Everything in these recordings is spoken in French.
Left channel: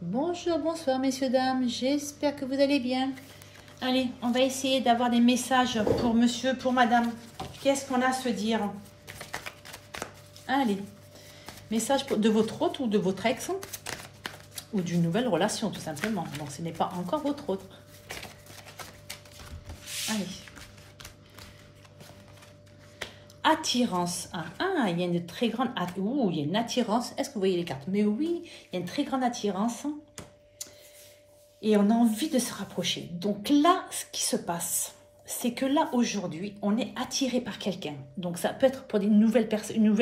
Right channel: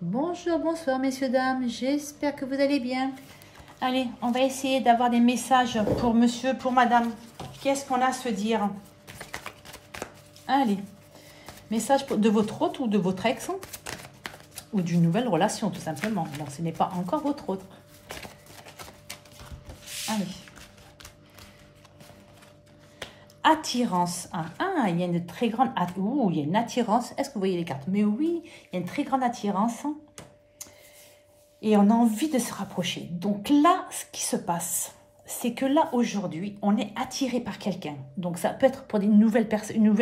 Bonjour, bonsoir messieurs, dames, j'espère que vous allez bien. Allez, on va essayer d'avoir des messages pour monsieur, pour madame. Qu'est-ce qu'on a à se dire? Allez, message de votre hôte ou de votre ex, ou d'une nouvelle relation tout simplement. Bon, ce n'est pas encore votre hôte. Allez. Attirance. Il y a une très grande... il y a une attirance. Est-ce que vous voyez les cartes? Mais oui, il y a une très grande attirance. Et on a envie de se rapprocher. Donc là, ce qui se passe, c'est que là, aujourd'hui, on est attiré par quelqu'un. Donc ça peut être pour une nouvelle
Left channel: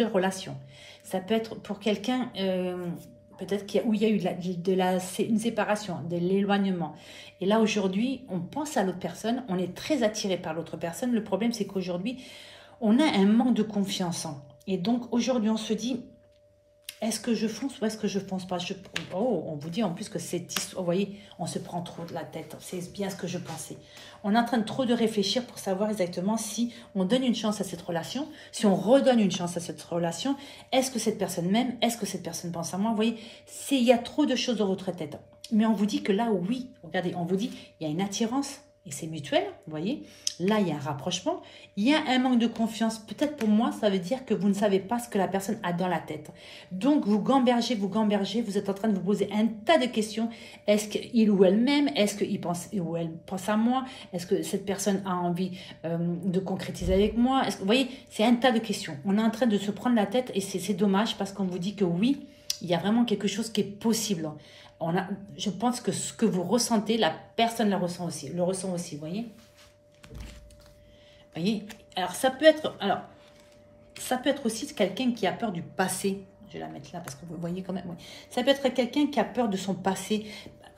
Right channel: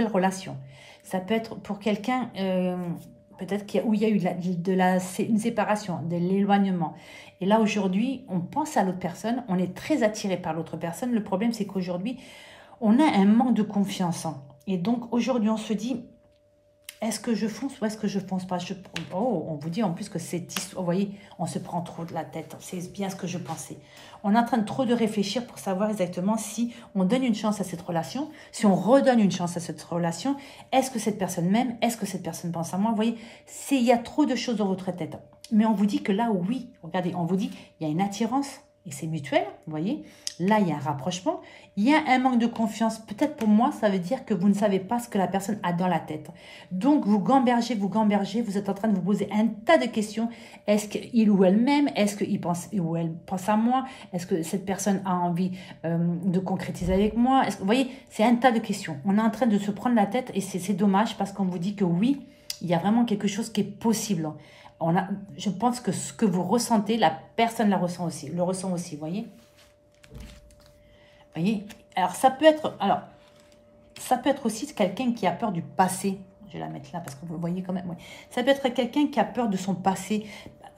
relation. Ça peut être pour quelqu'un, peut-être où il y a eu une séparation, de l'éloignement. Et là, aujourd'hui, on pense à l'autre personne. On est très attiré par l'autre personne. Le problème, c'est qu'aujourd'hui, on a un manque de confiance. Et donc, aujourd'hui, on se dit, est-ce que je fonce ou est-ce que je fonce pas? On vous dit en plus que c'est... Vous voyez, on se prend trop de la tête. C'est bien ce que je pensais. On est en train de trop de réfléchir pour savoir exactement si on donne une chance à cette relation, si on redonne une chance à cette relation. Est-ce que cette personne m'aime? Est-ce que cette personne pense à moi? Vous voyez, il y a trop de choses dans votre tête. Mais on vous dit que là, oui, regardez, on vous dit, il y a une attirance et c'est mutuel, vous voyez. Là, il y a un rapprochement. Il y a un manque de confiance. Peut-être pour moi, ça veut dire que vous ne savez pas ce que la personne a dans la tête. Donc, vous gambergez, vous êtes en train de vous poser un tas de questions. Est-ce qu'il ou elle m'aime? Est-ce qu'il pense ou elle pense à moi? Est-ce que cette personne a envie de concrétiser avec moi? Vous voyez, c'est un tas de questions. On est en train de se prendre la tête et c'est dommage parce qu'on vous dit que oui, il y a vraiment quelque chose qui est possible. Je pense que ce que vous ressentez, la personne le ressent aussi, vous voyez? Vous voyez, alors ça peut être aussi quelqu'un qui a peur du passé. Je vais la mettre là parce que vous voyez quand même. Oui. Ça peut être quelqu'un qui a peur de son passé.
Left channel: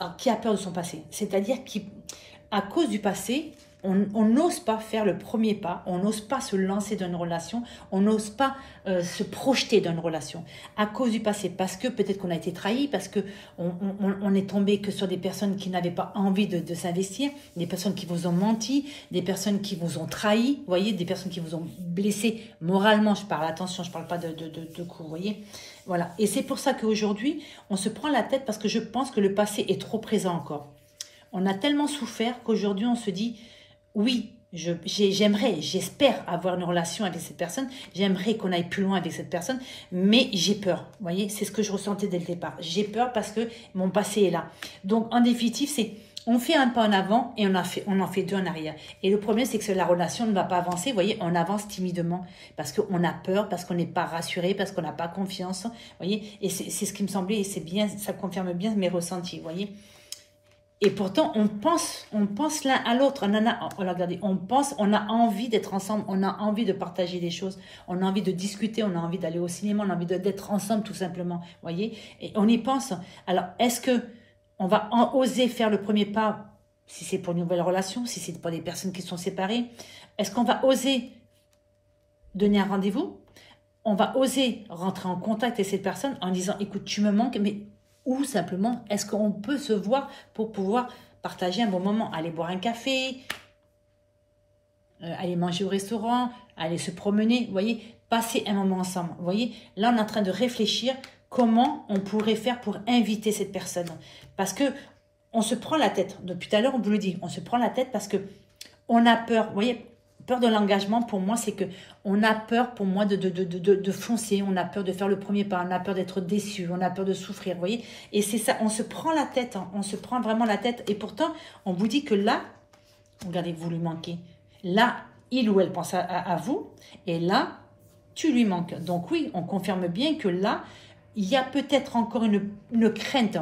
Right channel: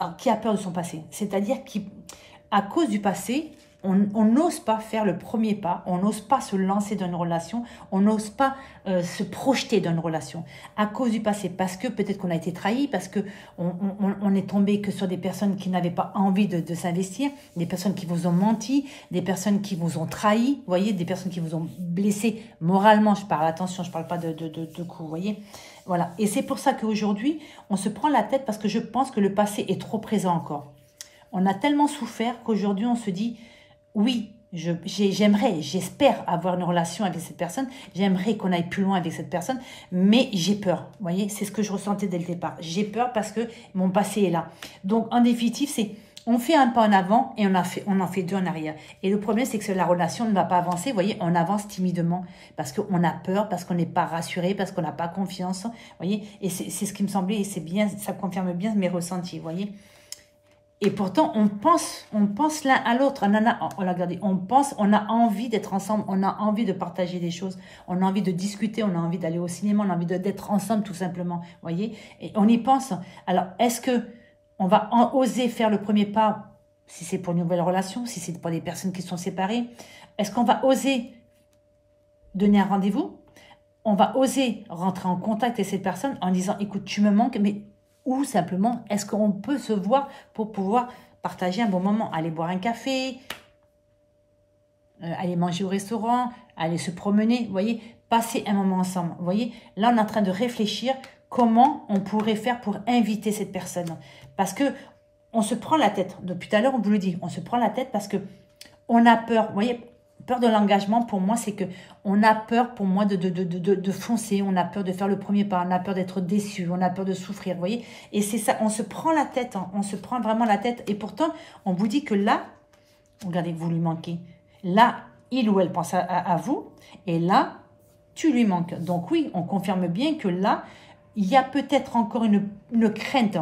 Alors, qui a peur de son passé? C'est-à-dire qu'à cause du passé, on n'ose pas faire le premier pas, on n'ose pas se lancer dans une relation, on n'ose pas se projeter dans une relation à cause du passé, parce que peut-être qu'on a été trahi, parce que on est tombé que sur des personnes qui n'avaient pas envie de s'investir, des personnes qui vous ont menti, des personnes qui vous ont trahi, vous voyez, des personnes qui vous ont blessé moralement, je parle, attention, je ne parle pas de coups, vous voyez. Voilà, et c'est pour ça qu'aujourd'hui, on se prend la tête parce que je pense que le passé est trop présent encore. On a tellement souffert qu'aujourd'hui, on se dit... Oui, j'espère avoir une relation avec cette personne. J'aimerais qu'on aille plus loin avec cette personne, mais j'ai peur. Vous voyez, c'est ce que je ressentais dès le départ. J'ai peur parce que mon passé est là. Donc, en définitive, c'est on fait un pas en avant et on en fait deux en arrière. Et le problème, c'est que la relation ne va pas avancer. Vous voyez, on avance timidement parce qu'on a peur, parce qu'on n'est pas rassuré, parce qu'on n'a pas confiance. Vous voyez, et c'est ce qui me semblait, et c'est bien, ça confirme bien mes ressentis. Vous voyez. Et pourtant, on pense l'un à l'autre. On a envie d'être ensemble, on a envie de partager des choses, on a envie de discuter, on a envie d'aller au cinéma, on a envie d'être ensemble tout simplement. Voyez. Et on y pense. Alors, est-ce que on va oser faire le premier pas si c'est pour une nouvelle relation, si c'est pour des personnes qui sont séparées? Est-ce qu'on va oser donner un rendez-vous? On va oser rentrer en contact avec cette personne en disant, écoute, tu me manques, mais... Ou simplement, est-ce qu'on peut se voir pour pouvoir partager un bon moment? Aller boire un café, aller manger au restaurant, aller se promener, vous voyez, passer un moment ensemble. Vous voyez, là, on est en train de réfléchir comment on pourrait faire pour inviter cette personne. Parce que on se prend la tête. Depuis tout à l'heure, on vous le dit, on se prend la tête parce que on a peur. Vous voyez, peur de l'engagement, pour moi, c'est que on a peur, pour moi, de foncer. On a peur de faire le premier pas. On a peur d'être déçu. On a peur de souffrir, vous voyez. Et c'est ça, on se prend la tête. Hein, on se prend vraiment la tête. Et pourtant, on vous dit que là, regardez, vous lui manquez. Là, il ou elle pense à vous. Et là, tu lui manques. Donc oui, on confirme bien que là, il y a peut-être encore une crainte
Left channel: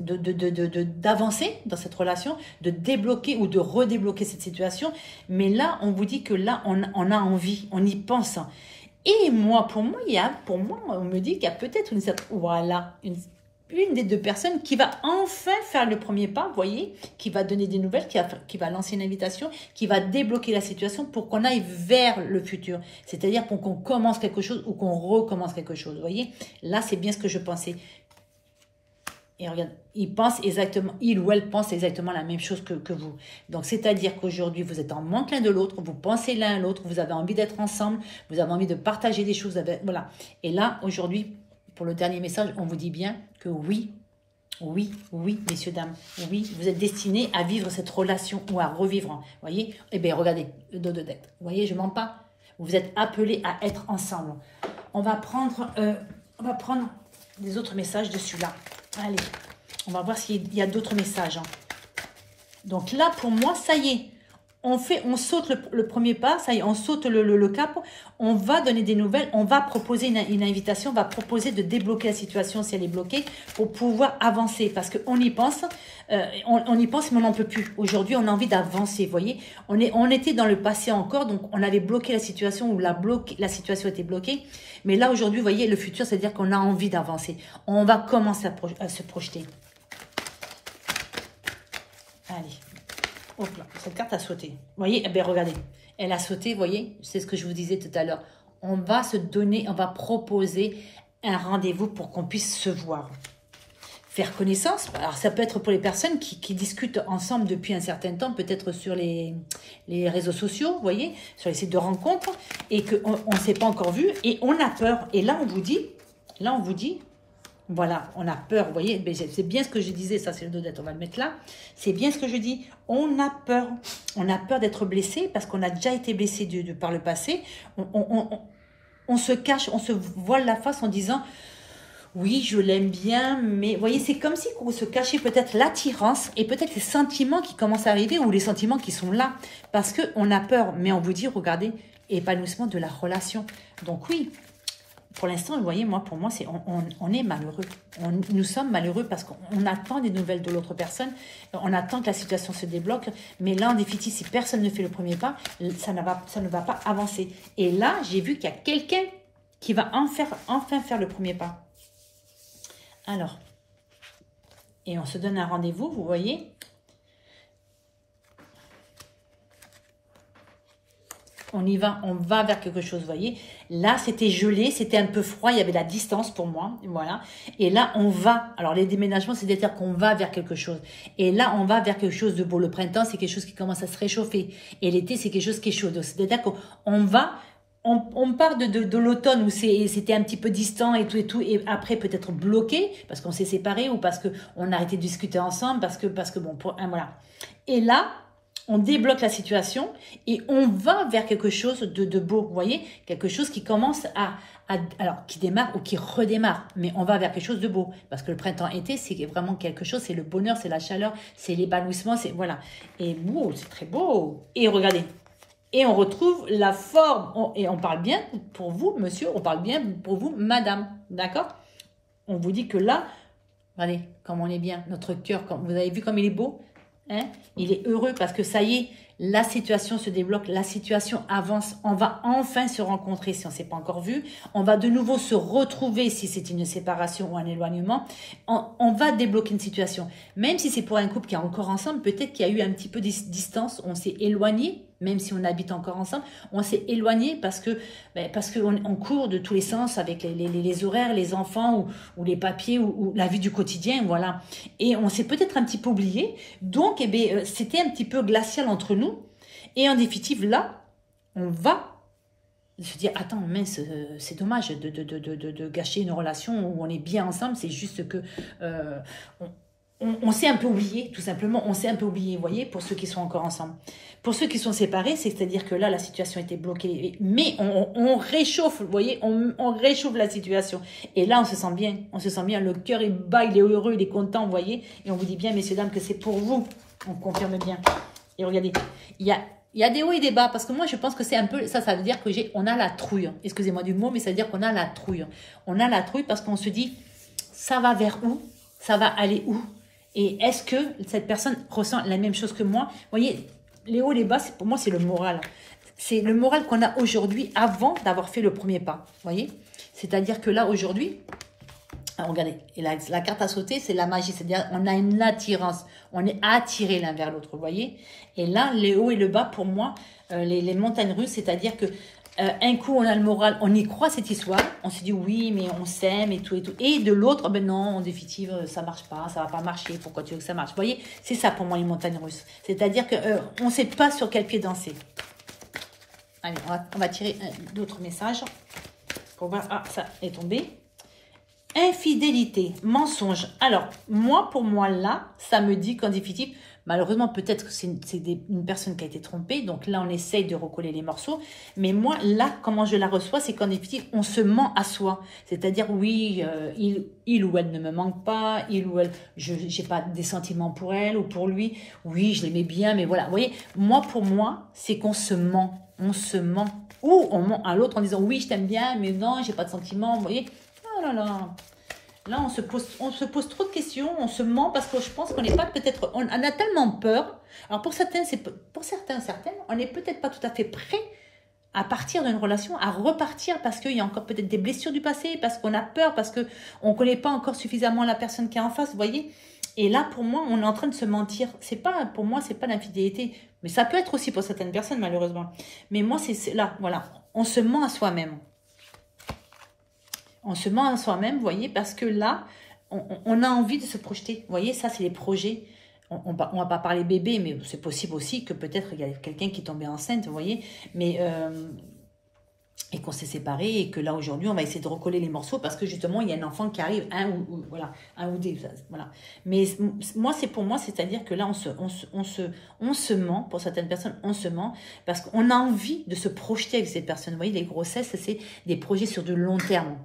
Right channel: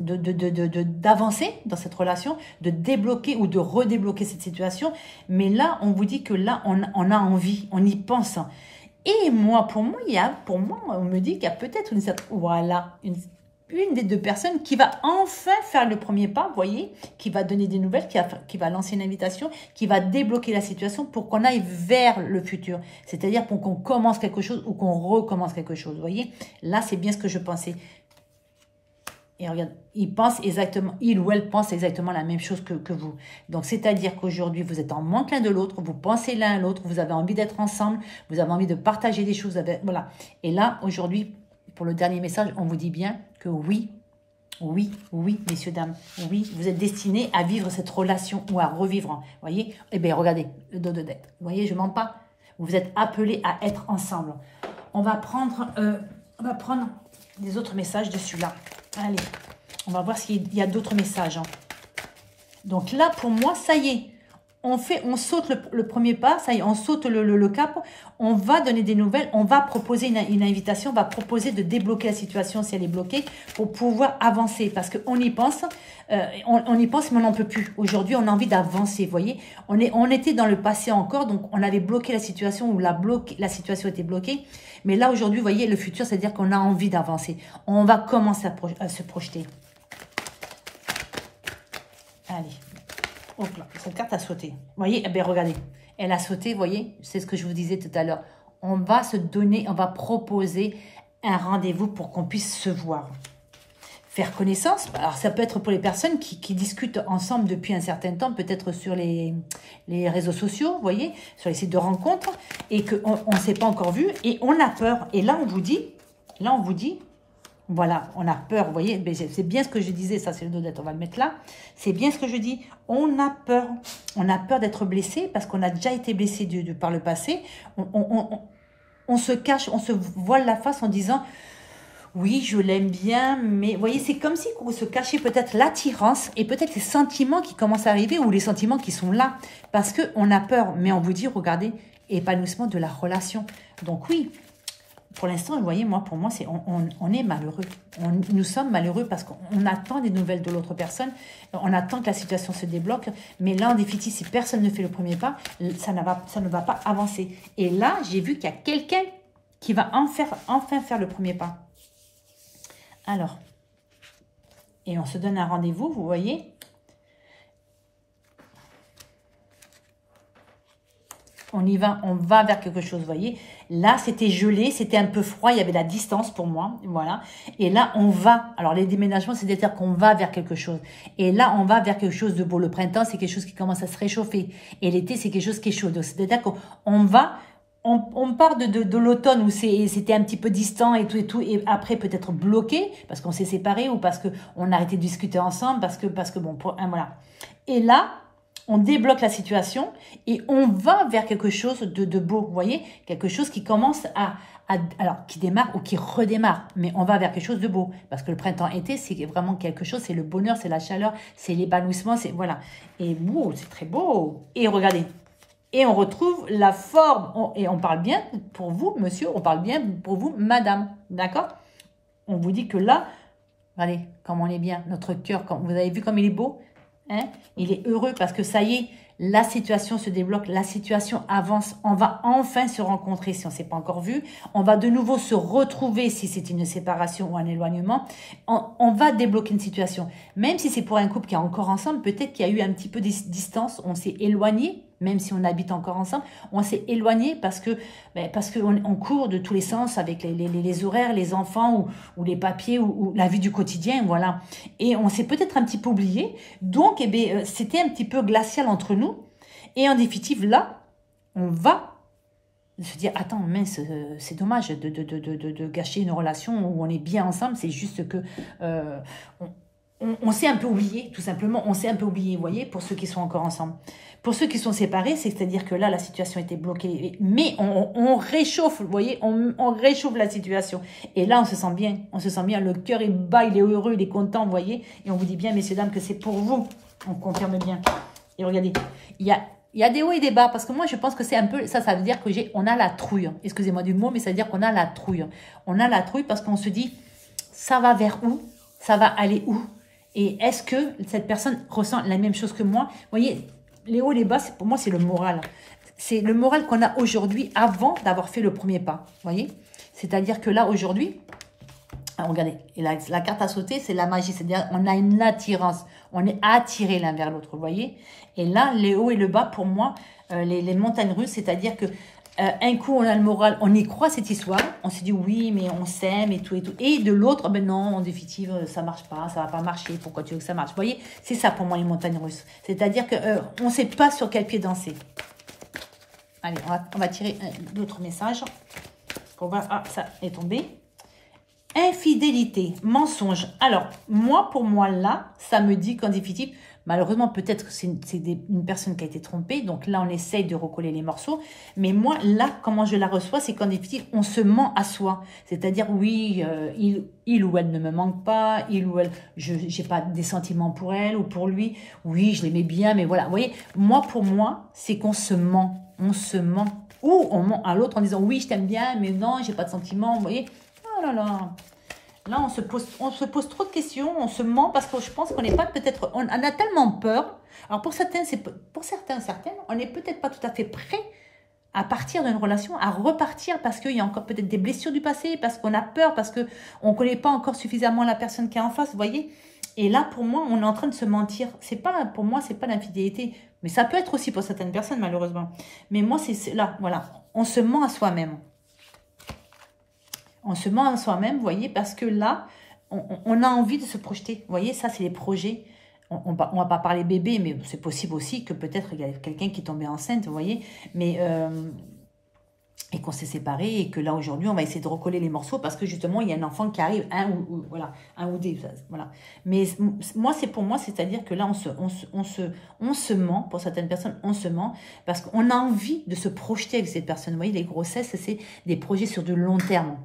d'avancer dans cette relation, de débloquer ou de redébloquer cette situation. Mais là, on vous dit que là, on a envie, on y pense. Et moi, pour moi, on me dit qu'il y a peut-être une des deux personnes qui va enfin faire le premier pas, vous voyez, qui va donner des nouvelles, qui va lancer une invitation, qui va débloquer la situation pour qu'on aille vers le futur. C'est-à-dire pour qu'on commence quelque chose ou qu'on recommence quelque chose, vous voyez. Là, c'est bien ce que je pensais. Et regarde, il ou elle pense exactement la même chose que vous. Donc, c'est-à-dire qu'aujourd'hui, vous êtes en manque l'un de l'autre, vous pensez l'un à l'autre, vous avez envie d'être ensemble, vous avez envie de partager des choses. Voilà. Et là, aujourd'hui, pour le dernier message, on vous dit bien que oui, Oui, oui, messieurs, dames, oui, vous êtes destinés à vivre cette relation ou à revivre. Vous voyez? Eh bien, regardez, le dos de deck. Vous voyez, je ne mens pas. Vous êtes appelés à être ensemble. On va prendre des autres messages dessus là. Allez, on va voir s'il y a d'autres messages. Hein. Donc là, pour moi, ça y est. On saute le premier pas, ça y est, on saute le cap, on va donner des nouvelles, on va proposer une invitation, on va proposer de débloquer la situation si elle est bloquée pour pouvoir avancer. Parce qu'on y pense, on y pense mais on n'en peut plus. Aujourd'hui, on a envie d'avancer, vous voyez. On était dans le passé encore, donc on avait bloqué la situation ou la situation était bloquée. Mais là, aujourd'hui, vous voyez, le futur, c'est-à-dire qu'on a envie d'avancer. On va commencer à se projeter. Allez. Hop là, cette carte a sauté. Vous voyez, eh bien, regardez. Elle a sauté, vous voyez. C'est ce que je vous disais tout à l'heure. On va se donner, on va proposer un rendez-vous pour qu'on puisse se voir. Faire connaissance. Alors, ça peut être pour les personnes qui discutent ensemble depuis un certain temps, peut-être sur les réseaux sociaux, vous voyez, sur les sites de rencontres, et qu'on ne s'est pas encore vu, et on a peur. Et là, on vous dit, voilà, on a peur, vous voyez, c'est bien ce que je disais, ça c'est le dos d'être, on va le mettre là. C'est bien ce que je dis, on a peur d'être blessé parce qu'on a déjà été blessé par le passé. On se cache, on se voile la face en disant, oui, je l'aime bien, mais vous voyez, c'est comme si on se cachait peut-être l'attirance et peut-être les sentiments qui commencent à arriver ou les sentiments qui sont là parce qu'on a peur. Mais on vous dit, regardez, épanouissement de la relation. Donc oui. Pour l'instant, vous voyez, pour moi, on est malheureux. Nous sommes malheureux parce qu'on attend des nouvelles de l'autre personne. On attend que la situation se débloque. Mais là, en définitive, si personne ne fait le premier pas, ça ne va pas avancer. Et là, j'ai vu qu'il y a quelqu'un qui va enfin faire le premier pas. Alors, et on se donne un rendez-vous, vous voyez. On y va, on va vers quelque chose, vous voyez. Là, c'était gelé, c'était un peu froid, il y avait de la distance pour moi, voilà. Et là, on va, alors les déménagements, c'est-à-dire qu'on va vers quelque chose. Et là, on va vers quelque chose de beau. Le printemps, c'est quelque chose qui commence à se réchauffer. Et l'été, c'est quelque chose qui est chaud. C'est-à-dire qu'on va, on part de l'automne où c'était un petit peu distant et tout, et après peut-être bloqué, parce qu'on s'est séparés ou parce qu'on a arrêté de discuter ensemble, parce que bon, voilà. Et là, on débloque la situation et on va vers quelque chose de beau, vous voyez, quelque chose qui commence alors qui démarre ou qui redémarre, mais on va vers quelque chose de beau, parce que le printemps-été, c'est vraiment quelque chose, c'est le bonheur, c'est la chaleur, c'est l'épanouissement, c'est voilà, et wow, c'est très beau, et regardez, et on retrouve la forme, et on parle bien pour vous, monsieur, on parle bien pour vous, madame, d'accord? On vous dit que là, regardez, comme on est bien, notre cœur, vous avez vu comme il est beau? Hein? Il est heureux parce que ça y est, la situation se débloque, la situation avance. On va enfin se rencontrer si on ne s'est pas encore vu. On va de nouveau se retrouver si c'est une séparation ou un éloignement. On va débloquer une situation. Même si c'est pour un couple qui est encore ensemble, peut-être qu'il y a eu un petit peu de distance, on s'est éloigné, même si on habite encore ensemble, on s'est éloigné parce qu'on court de tous les sens avec les horaires, les enfants ou les papiers ou la vie du quotidien, voilà. Et on s'est peut-être un petit peu oublié. Donc, eh bien, c'était un petit peu glacial entre nous. Et en définitive, là, on va se dire, attends, mince, c'est dommage de gâcher une relation où on est bien ensemble. C'est juste que on s'est un peu oublié, tout simplement. On s'est un peu oublié, vous voyez, pour ceux qui sont encore ensemble. Pour ceux qui sont séparés, c'est-à-dire que là, la situation était bloquée. Mais on réchauffe, vous voyez, on réchauffe la situation. Et là, on se sent bien. On se sent bien. Le cœur est bas, il est heureux, il est content, vous voyez. Et on vous dit bien, messieurs, dames, que c'est pour vous. On confirme bien. Et regardez, il y a des hauts et des bas. Parce que moi, je pense que c'est un peu... Ça veut dire que on a la trouille. Excusez-moi du mot, mais ça veut dire qu'on a la trouille. On a la trouille parce qu'on se dit, ça va vers où? Ça va aller où? Et est-ce que cette personne ressent la même chose que moi? Vous voyez, les hauts et les bas, pour moi, c'est le moral. C'est le moral qu'on a aujourd'hui avant d'avoir fait le premier pas. Vous voyez? C'est-à-dire que là, aujourd'hui, regardez, et la carte à sauter, c'est la magie. C'est-à-dire on a une attirance. On est attiré l'un vers l'autre, vous voyez? Et là, les hauts et le bas, pour moi, les montagnes russes, c'est-à-dire que un coup, on a le moral, on y croit cette histoire. On se dit oui, mais on s'aime et tout et tout. Et de l'autre, ben non, en définitive, ça marche pas, ça va pas marcher. Pourquoi tu veux que ça marche? Vous voyez, c'est ça pour moi les montagnes russes. C'est-à-dire que on sait pas sur quel pied danser. Allez, on va tirer d'autres messages pour voir. Ah, ça est tombé. Infidélité, mensonge. Alors, moi, pour moi, là, ça me dit qu'en définitive, malheureusement, peut-être que c'est une personne qui a été trompée. Donc là, on essaye de recoller les morceaux. Mais moi, là, comment je la reçois, c'est qu'en définitive, on se ment à soi. C'est-à-dire, oui, il ou elle ne me manque pas. Il ou elle, je n'ai pas des sentiments pour elle ou pour lui. Oui, je l'aimais bien, mais voilà. Vous voyez, moi, pour moi, c'est qu'on se ment. On se ment. Ou on ment à l'autre en disant, oui, je t'aime bien, mais non, j'ai pas de sentiments. Vous voyez. Oh là là. Là, on se pose trop de questions, on se ment parce que je pense qu'on n'est pas peut-être... On a tellement peur. Alors, pour certaines, on n'est peut-être pas tout à fait prêt à partir d'une relation, à repartir parce qu'il y a encore peut-être des blessures du passé, parce qu'on a peur, parce qu'on ne connaît pas encore suffisamment la personne qui est en face, vous voyez. Et là, pour moi, on est en train de se mentir. Pour moi, c'est pas l'infidélité. Mais ça peut être aussi pour certaines personnes, malheureusement. Mais moi, c'est là, voilà. On se ment à soi-même. On se ment à soi-même, vous voyez, parce que là, on a envie de se projeter. Vous voyez, ça, c'est les projets. On ne va pas parler bébé, mais c'est possible aussi que peut-être il y a quelqu'un qui est tombé enceinte, vous voyez, mais et qu'on s'est séparés et que là, aujourd'hui, on va essayer de recoller les morceaux parce que justement, il y a un enfant qui arrive, voilà, un ou des, voilà. Mais moi, c'est pour moi, c'est-à-dire que là, on se ment, pour certaines personnes, on se ment parce qu'on a envie de se projeter avec cette personne. Vous voyez, les grossesses, c'est des projets sur du long terme.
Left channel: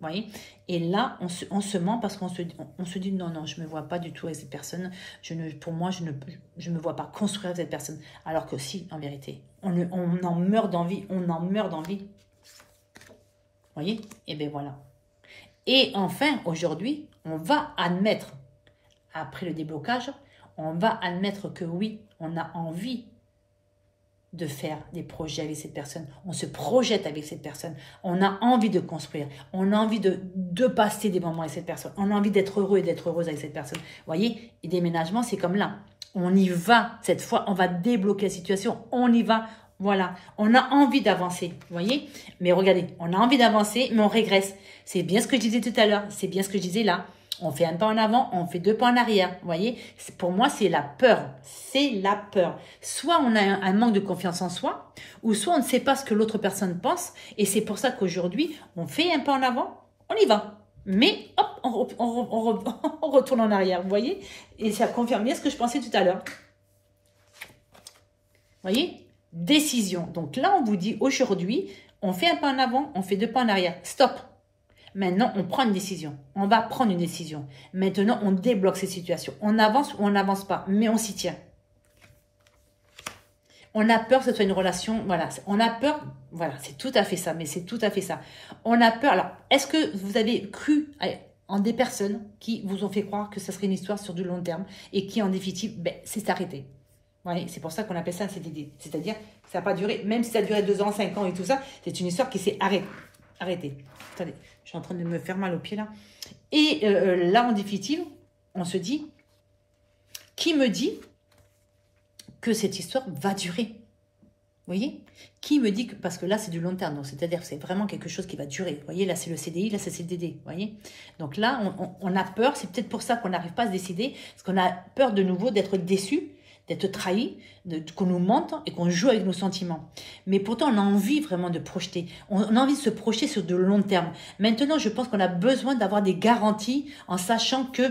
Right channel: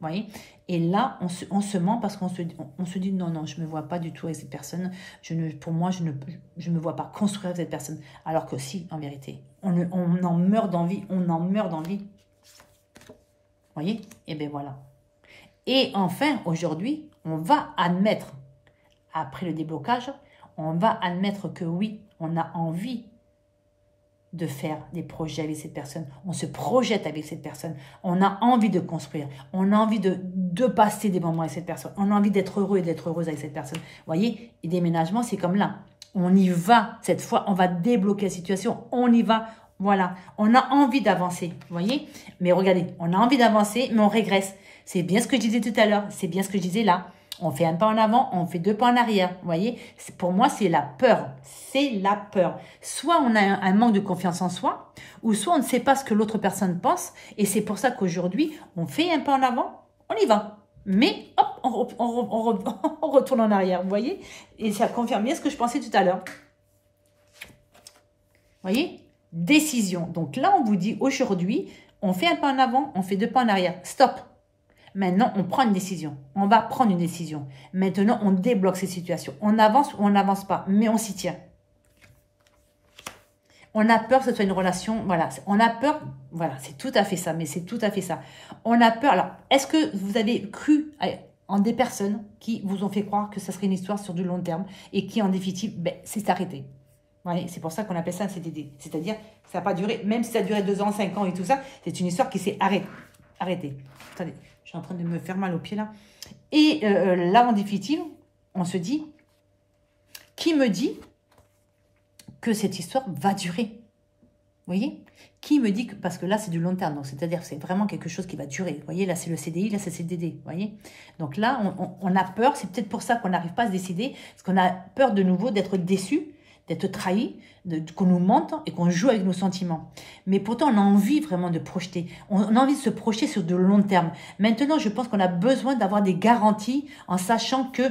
Vous voyez, et là, on se ment parce qu'on se dit non, non, je ne me vois pas du tout avec cette personne. Pour moi, je ne me vois pas construire avec cette personne. Alors que si, en vérité, on en meurt d'envie. On en meurt d'envie. Vous voyez? Et bien voilà. Et enfin, aujourd'hui, on va admettre, après le déblocage, on va admettre que oui, on a envie de faire des projets avec cette personne. On se projette avec cette personne. On a envie de construire. On a envie de passer des moments avec cette personne. On a envie d'être heureux et d'être heureuse avec cette personne. Vous voyez, et déménagement, c'est comme là. On y va. Cette fois, on va débloquer la situation. On y va. Voilà. On a envie d'avancer. Vous voyez? Mais regardez, on a envie d'avancer, mais on régresse. C'est bien ce que je disais tout à l'heure. C'est bien ce que je disais là. On fait un pas en avant, on fait deux pas en arrière. Vous voyez, pour moi, c'est la peur. C'est la peur. Soit on a un manque de confiance en soi, ou soit on ne sait pas ce que l'autre personne pense. Et c'est pour ça qu'aujourd'hui, on fait un pas en avant, on y va. Mais hop, on retourne en arrière. Vous voyez? Et ça confirme bien ce que je pensais tout à l'heure. Vous voyez? Décision. Donc là, on vous dit aujourd'hui, on fait un pas en avant, on fait deux pas en arrière. Stop. Maintenant, on prend une décision. On va prendre une décision. Maintenant, on débloque ces situations. On avance ou on n'avance pas, mais on s'y tient. On a peur que ce soit une relation, voilà. On a peur, voilà, c'est tout à fait ça, mais c'est tout à fait ça. On a peur. Alors, est-ce que vous avez cru en des personnes qui vous ont fait croire que ce serait une histoire sur du long terme et qui, en définitive, ben, c'est arrêté. Voilà, c'est pour ça qu'on appelle ça un CDD. C'est-à-dire, ça n'a pas duré, même si ça a duré 2 ans, 5 ans et tout ça, c'est une histoire qui s'est arrêtée. Attendez. Je suis en train de me faire mal au pied là. Et là, en définitive, on se dit, qui me dit que cette histoire va durer? Vous voyez? Qui me dit que, parce que là, c'est du long terme. C'est-à-dire, c'est vraiment quelque chose qui va durer. Vous voyez, là, c'est le CDI, là, c'est le CDD. Vous voyez? Donc là, on a peur. C'est peut-être pour ça qu'on n'arrive pas à se décider. Parce qu'on a peur de nouveau d'être déçu, d'être trahi, qu'on nous mente et qu'on joue avec nos sentiments. Mais pourtant, on a envie vraiment de projeter. On a envie de se projeter sur de long terme. Maintenant, je pense qu'on a besoin d'avoir des garanties en sachant que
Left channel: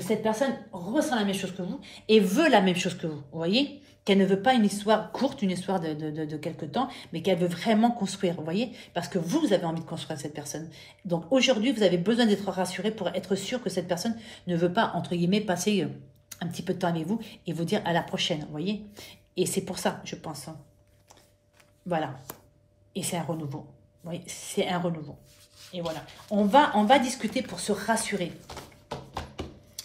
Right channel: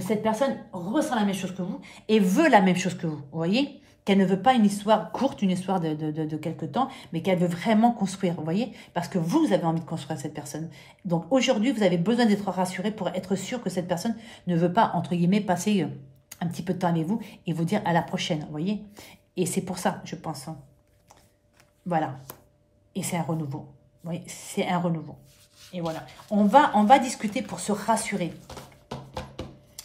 cette personne ressent la même chose que vous et veut la même chose que vous. Vous voyez? Qu'elle ne veut pas une histoire courte, une histoire de quelque temps, mais qu'elle veut vraiment construire. Vous voyez? Parce que vous avez envie de construire cette personne. Donc aujourd'hui, vous avez besoin d'être rassuré pour être sûr que cette personne ne veut pas, entre guillemets, passer un petit peu de temps avec vous et vous dire à la prochaine, vous voyez. Et c'est pour ça, je pense. Voilà. Et c'est un renouveau. Vous voyez, c'est un renouveau. Et voilà. On va discuter pour se rassurer.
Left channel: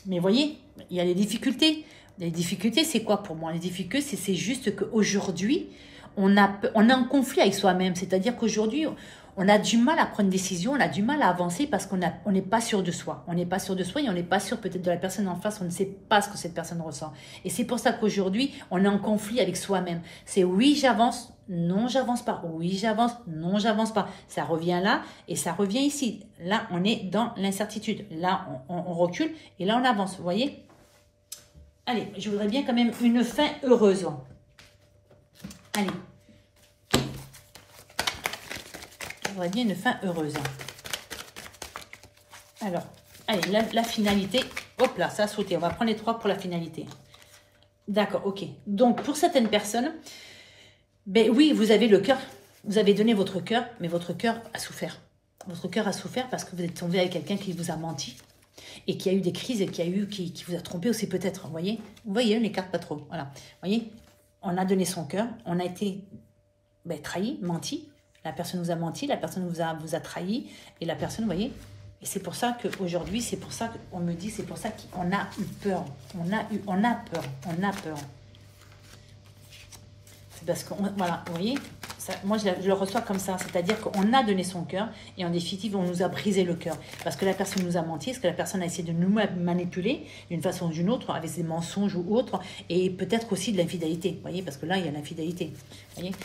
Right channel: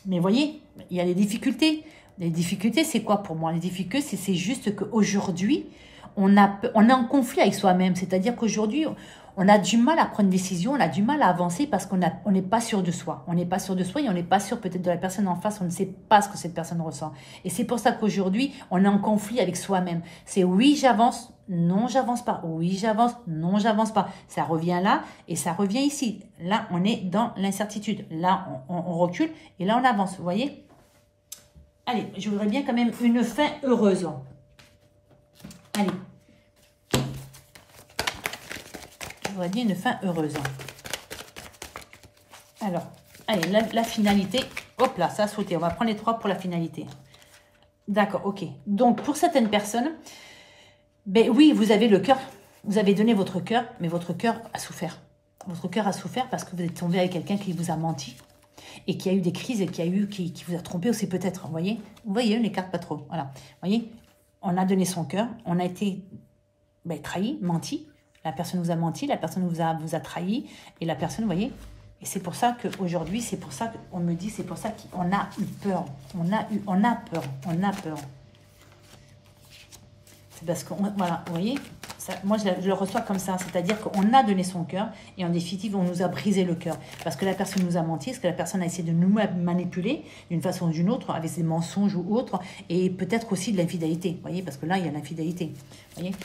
Mais vous voyez, il y a des difficultés. Les difficultés, c'est quoi pour moi? Les difficultés, c'est juste qu'aujourd'hui, on est en conflit avec soi-même. C'est-à-dire qu'aujourd'hui, on a du mal à prendre une décision, on a du mal à avancer parce qu'on n'est pas sûr de soi. On n'est pas sûr de soi et on n'est pas sûr peut-être de la personne en face, on ne sait pas ce que cette personne ressent. Et c'est pour ça qu'aujourd'hui, on est en conflit avec soi-même. C'est oui, j'avance, non, j'avance pas. Oui, j'avance, non, j'avance pas. Ça revient là et ça revient ici. Là, on est dans l'incertitude. Là, on recule et là, on avance. Vous voyez? Allez, je voudrais bien quand même une fin heureuse. Allez. Je voudrais dire une fin heureuse. Alors, allez, la finalité. Hop là, ça a sauté. On va prendre les 3 pour la finalité. D'accord, ok. Donc, pour certaines personnes, ben oui, vous avez le cœur. Vous avez donné votre cœur, mais votre cœur a souffert. Votre cœur a souffert parce que vous êtes tombé avec quelqu'un qui vous a menti et qui a eu des crises et qui vous a trompé aussi peut-être. Vous voyez les cartes pas trop. Voilà. Vous voyez, on a donné son cœur, on a été trahi, menti. La personne vous a menti, la personne vous a trahi et la personne, vous voyez. Et c'est pour ça qu'aujourd'hui, c'est pour ça qu'on me dit, c'est pour ça qu'on a eu peur. On a peur. C'est parce que, voilà, vous voyez, ça, moi je le reçois comme ça, c'est-à-dire qu'on a donné son cœur et en définitive, on nous a brisé le cœur. Parce que la personne nous a menti, parce que la personne a essayé de nous manipuler d'une façon ou d'une autre, avec des mensonges ou autres, et peut-être aussi de l'infidélité, vous voyez, parce que là, il y a l'infidélité, vous voyez.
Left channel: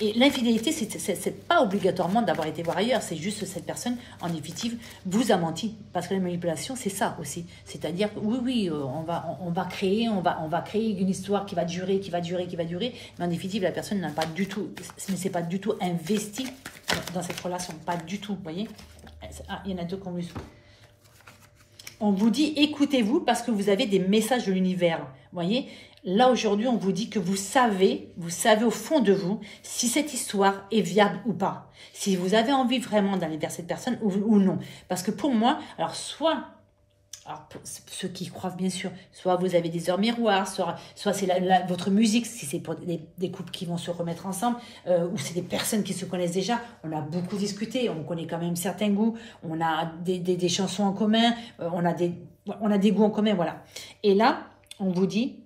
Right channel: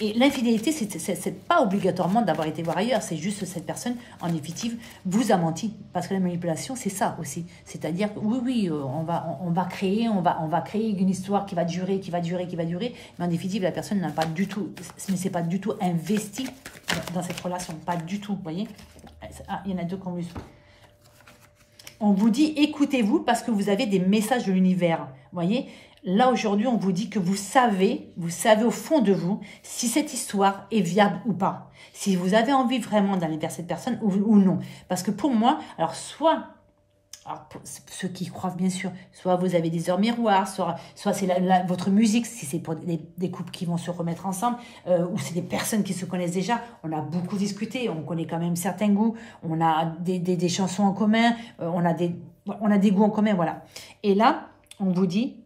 Et l'infidélité, c'est pas obligatoirement d'avoir été voir ailleurs, c'est juste que cette personne, en définitive, vous a menti. Parce que la manipulation, c'est ça aussi. C'est-à-dire, oui, on va créer une histoire qui va durer, mais en définitive, la personne n'a pas du tout, ne s'est pas du tout investie dans cette relation, pas du tout, vous voyez. Ah, il y en a 2 qu'on on vous dit, écoutez-vous parce que vous avez des messages de l'univers, vous voyez. Là, aujourd'hui, on vous dit que vous savez au fond de vous si cette histoire est viable ou pas. Si vous avez envie vraiment d'aller vers cette personne ou non. Parce que pour moi, alors pour ceux qui croient bien sûr, soit vous avez des heures miroirs, soit c'est votre musique, si c'est pour des couples qui vont se remettre ensemble, ou c'est des personnes qui se connaissent déjà. On a beaucoup discuté, on connaît quand même certains goûts, on a des chansons en commun, on a des goûts en commun, voilà. Et là, on vous dit...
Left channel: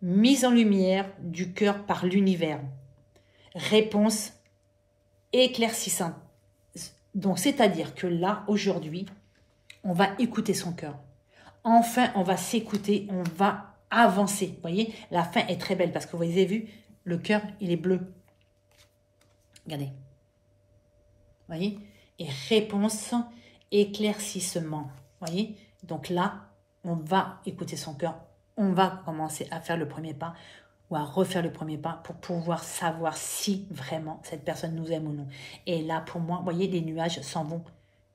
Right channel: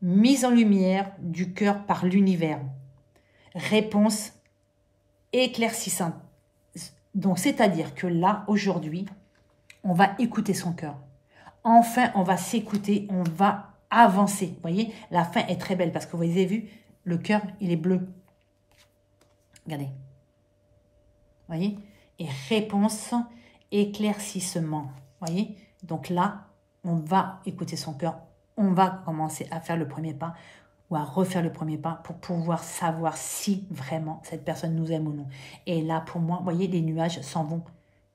Mise en lumière du cœur par l'univers. Réponse éclaircissante. Donc, c'est-à-dire que là, aujourd'hui, on va écouter son cœur. Enfin, on va s'écouter, on va avancer. Vous voyez, la fin est très belle parce que vous avez vu, le cœur, il est bleu. Regardez. Vous voyez? Et réponse, éclaircissement. Vous voyez? Donc là, on va écouter son cœur. On va commencer à faire le premier pas ou à refaire le premier pas pour pouvoir savoir si vraiment cette personne nous aime ou non. Et là, pour moi, vous voyez, les nuages s'en vont.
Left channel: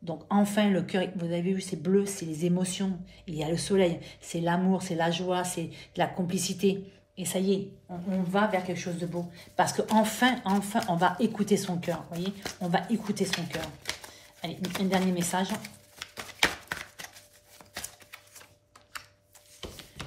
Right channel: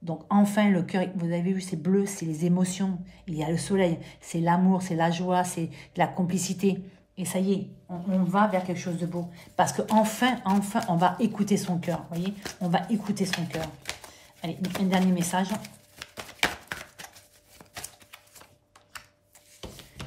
Donc, enfin, le cœur, vous avez vu, c'est bleu, c'est les émotions. Il y a le soleil, c'est l'amour, c'est la joie, c'est la complicité. Et ça y est, on va vers quelque chose de beau. Parce qu'enfin, on va écouter son cœur. Vous voyez, on va écouter son cœur. Allez, un dernier message.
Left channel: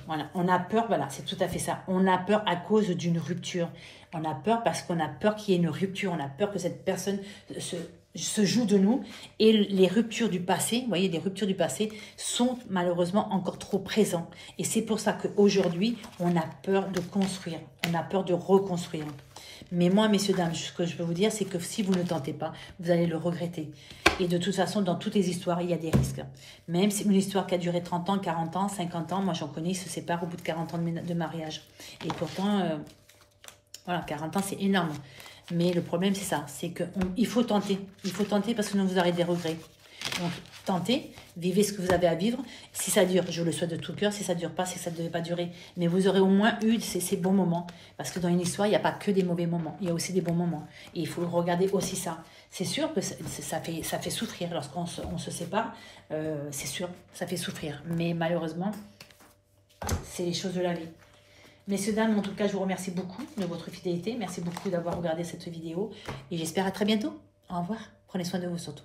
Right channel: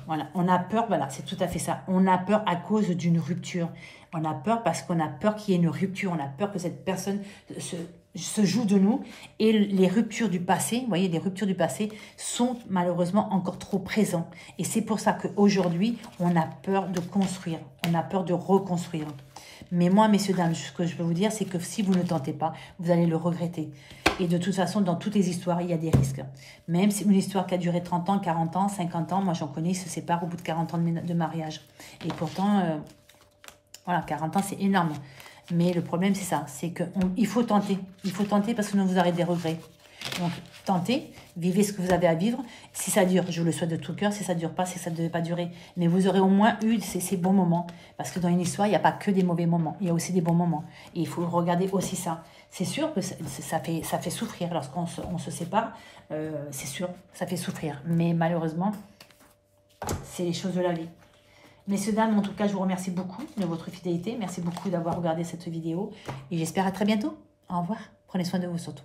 Voilà, on a peur, voilà, c'est tout à fait ça. On a peur à cause d'une rupture. On a peur parce qu'on a peur qu'il y ait une rupture. On a peur que cette personne se joue de nous. Et les ruptures du passé, vous voyez, les ruptures du passé sont malheureusement encore trop présentes. Et c'est pour ça qu'aujourd'hui, on a peur de construire. On a peur de reconstruire. Mais moi, messieurs, dames, ce que je peux vous dire, c'est que si vous ne tentez pas, vous allez le regretter. Et de toute façon, dans toutes les histoires, il y a des risques. Même si une histoire qui a duré 30 ans, 40 ans, 50 ans, moi j'en connais, ils se séparent au bout de 40 ans de mariage. Et pourtant, voilà, 40 ans, c'est énorme. Mais le problème, c'est ça, c'est qu'il faut tenter. Il faut tenter parce que sinon vous aurez des regrets. Donc, tentez, vivez ce que vous avez à vivre. Si ça dure, je le souhaite de tout cœur. Si ça ne dure pas, si ça ne devait pas durer. Mais vous aurez au moins eu ces bons moments. Parce que dans une histoire, il n'y a pas que des mauvais moments. Il y a aussi des bons moments. Et il faut regarder aussi ça. C'est sûr que ça fait souffrir lorsqu'on se sépare. C'est sûr, ça fait souffrir. Mais malheureusement, c'est les choses de la vie. Messieurs, dames, en tout cas, je vous remercie beaucoup de votre fidélité. Merci beaucoup d'avoir regardé cette vidéo. Et j'espère à très bientôt. Au revoir. Prenez soin de vous surtout.